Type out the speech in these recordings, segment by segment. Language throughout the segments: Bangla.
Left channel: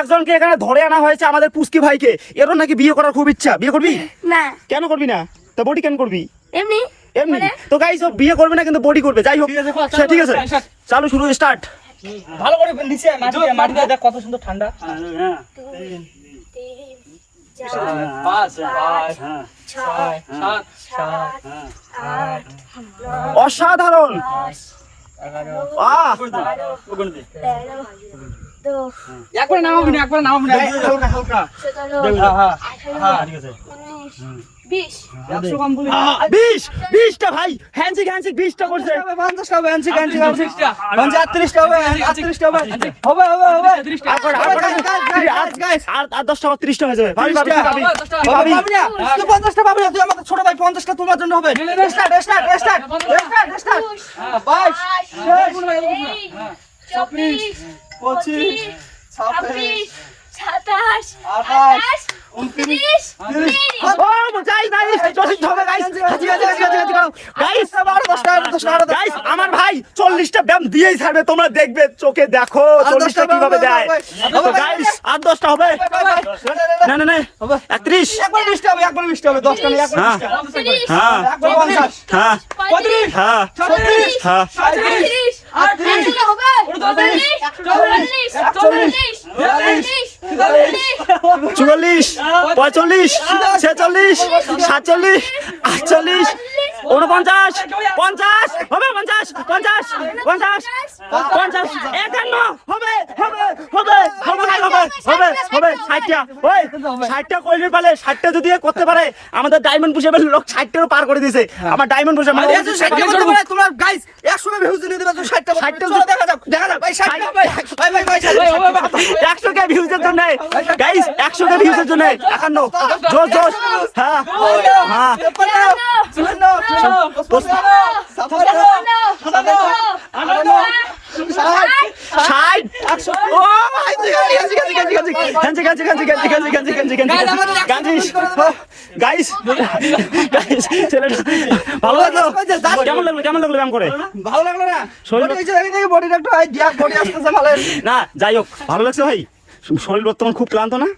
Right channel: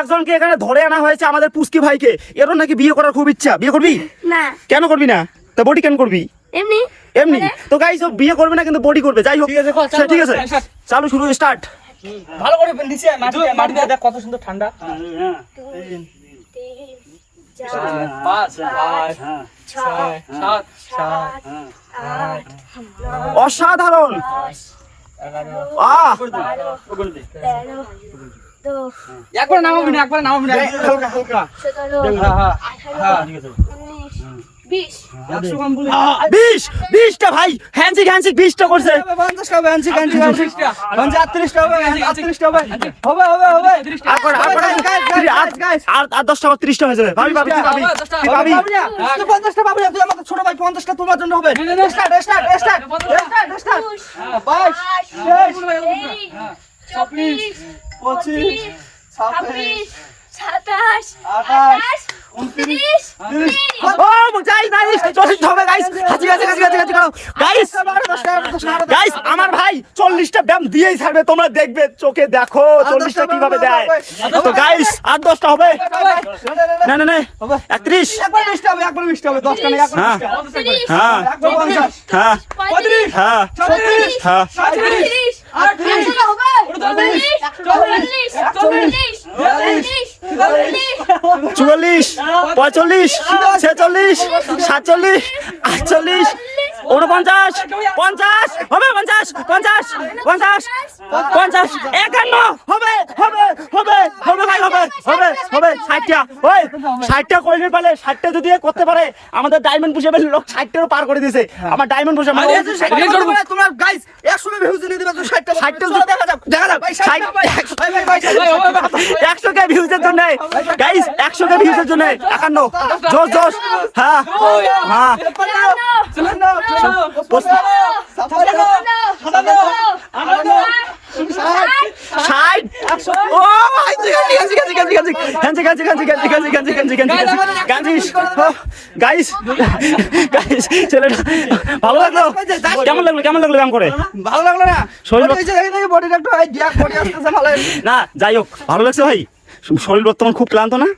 একজনকে এখানে ধরে আনা হয়েছে আমাদের পুস্কি ভাইকে, এর নাকি বিয়ে করার খুব ইচ্ছা। বিয়ে করবি না? কেন করবি না? তা বডি কেন করবি? এমনি এমনি তো গাইস, ও বিয়ে করবে না কিন্তু বডি করবে। যাই হোক ঠিক আছে, চালু শুরু স্টার্ট। ভালো করে নিচে মাটিতে দেখ কত সুন্দর ঠান্ডা। 3 4 5 6 7 অসাধারণ। 13 একবার নামাবি না, একবার নামাবি না, হালকা হালকা। 20 100 কম বলে 20টা ভাই, হ্যান্ডশেক 20টা করছে। 50 টা হবে, 38 টা হবে, 38 টা হবে, হবে হবে হবে। আর 10টা 30টা হয়ে যাবে। ভাবি ভাবি কি ভাবি কি ভাবি? তুই 50 টা পাবি না, তুই আমাদের ছোট ভাই। 50 টা তোমার জন্য হবে। Start start start start. 22 24 25 26 27 28 29 ও যাই ভাই, চলতে হবে গাইস। হাজি হাজি হাজি হাজি গাইস। গাইস আমার ভাই 40টা ব্যায়াম দিয়েই ছাড়বে, তোমরা দেখবে, চোখে দেখো 40টা কিভাবে দেয়। তো গাইস আর 10টা হবে। না না না 31 একবার 20 টা হবে, একবার 20 টা হবে। 10 টা না, একবার 20 টা। হ্যাঁ একবার 50 হ্যাঁ 35 হ্যাঁ 36 হ্যাঁ 38 44 45 46 47 48 49 50 হবে 50 50 50 50 51 হবে হবে হবে হবে ভাই হবে হবে হবে 60টা। ওই 60টা কইলি পালে 60টা যদি করতে পারে আমাদের ডায়মন্ড পুষে লোক 60টাও পার করে দিয়েছে। আমার ডায়মন্ড পুষে মানে তোমার গাইস 100 কে ভিউজ নিয়ে দিবা, তুই 60 টা 60টা দেখা যাক ভাই। 60 ভাই ভাই ভাই 100 কে ভিউজের জন্য গাইস, 100 কে ভিউজের জন্য 51 জোশ জোশ। হ্যাঁ হ্যাঁ 60 ও ভাই গাইস গাইস ছেলেটা ভালো লাগলো? কেমন লাগলো কেমন লাগলো ব্যায়াম করে? ভালো লাগলো না? শরীর বডিটা একটু ভাই দিয়া বডি আসতেছে ভালো। না যাই হোক ভালো লাগছে ভাই। শরীর বর্তমান খুব ক্লান্ত না?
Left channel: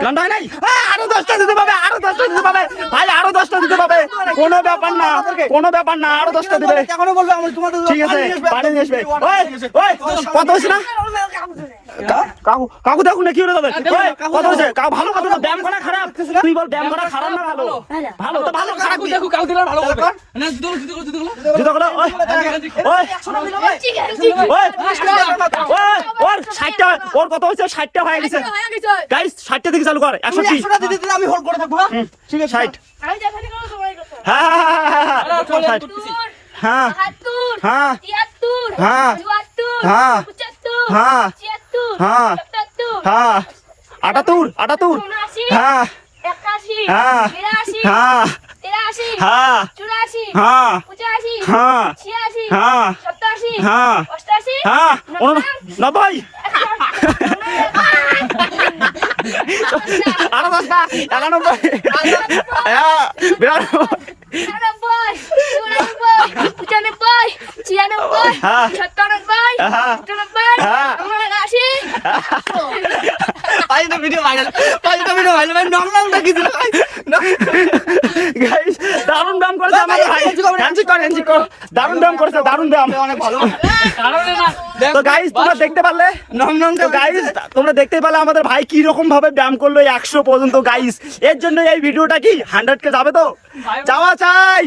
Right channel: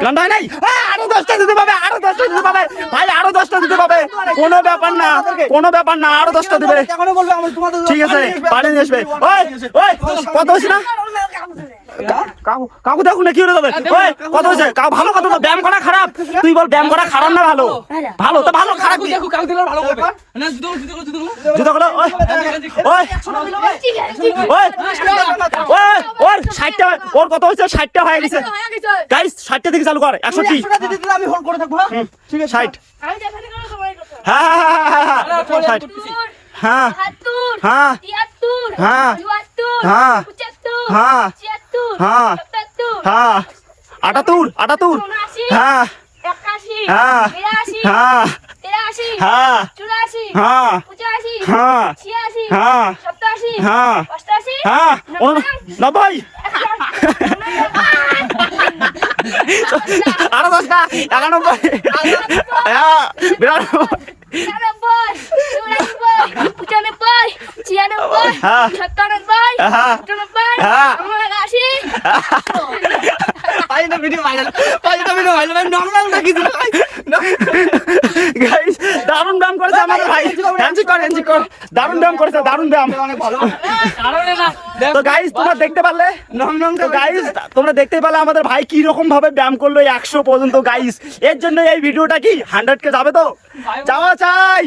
ক্লান্ত হয় নাই? আরো 10টা দিতে পাবে, আরো 10টা দিতে পাবে ভাই, আরো 10টা দিতে পাবে। কোনো ব্যাপার না, কোনো ব্যাপার না, আরো 10টা দিবে। এখনো বলবো আমি তোমাদের ঠিক আছে পানি নিয়ে আসবে। ওই ওই কত হয়েছে না? কাকু দেখুন না কি হয়ে যাবে। ওই কত হয়েছে? কাকু ভালো কত? ব্যায়াম করা খারাপ? তুই বল ব্যায়াম করা খারাপ না ভালো? ভালো তো ভালো খারাপ কি? কাল দিলে ভালো করবে না। জুতো করো। ওই ওই ওই ওর 60টা, ওর কত হয়েছে? 60টা হয়ে গেছে গাইস। 60টা থেকে চালু কর। 130 100টা দিতে দিলে আমি হোল্ড করে থাকবো। ঠিক আছে 60। আমি দেখানি করব তোমার কথা। হ্যাঁ হ্যাঁ হ্যাঁ 73 হ্যাঁ 74 হ্যাঁ 75 হ্যাঁ 76 হ্যাঁ 77 হ্যাঁ 78 হ্যাঁ 81 হ্যাঁ 82 হ্যাঁ 83 হ্যাঁ 84 হ্যাঁ 85 হ্যাঁ 86 হ্যাঁ 87 হ্যাঁ 88 হ্যাঁ 90 আরো 10টা 91 হ্যাঁ 92 গাইস দারুণ দাম করেছে আমাদের ভাই। হ্যান্ডশেক কর দারুণ দাম করেছে, দারুণ দাম। তো গাইস তোমরা দেখতে পারলে, তো গাইস তোমরা দেখতে পারলে আমাদের ভাই কি রকম ভাবে ব্যায়াম করলো 100 পর্যন্ত। গাইস এর জন্য এই ভিডিওটা কি 100 কে যাবে তো? যাওয়া চাই।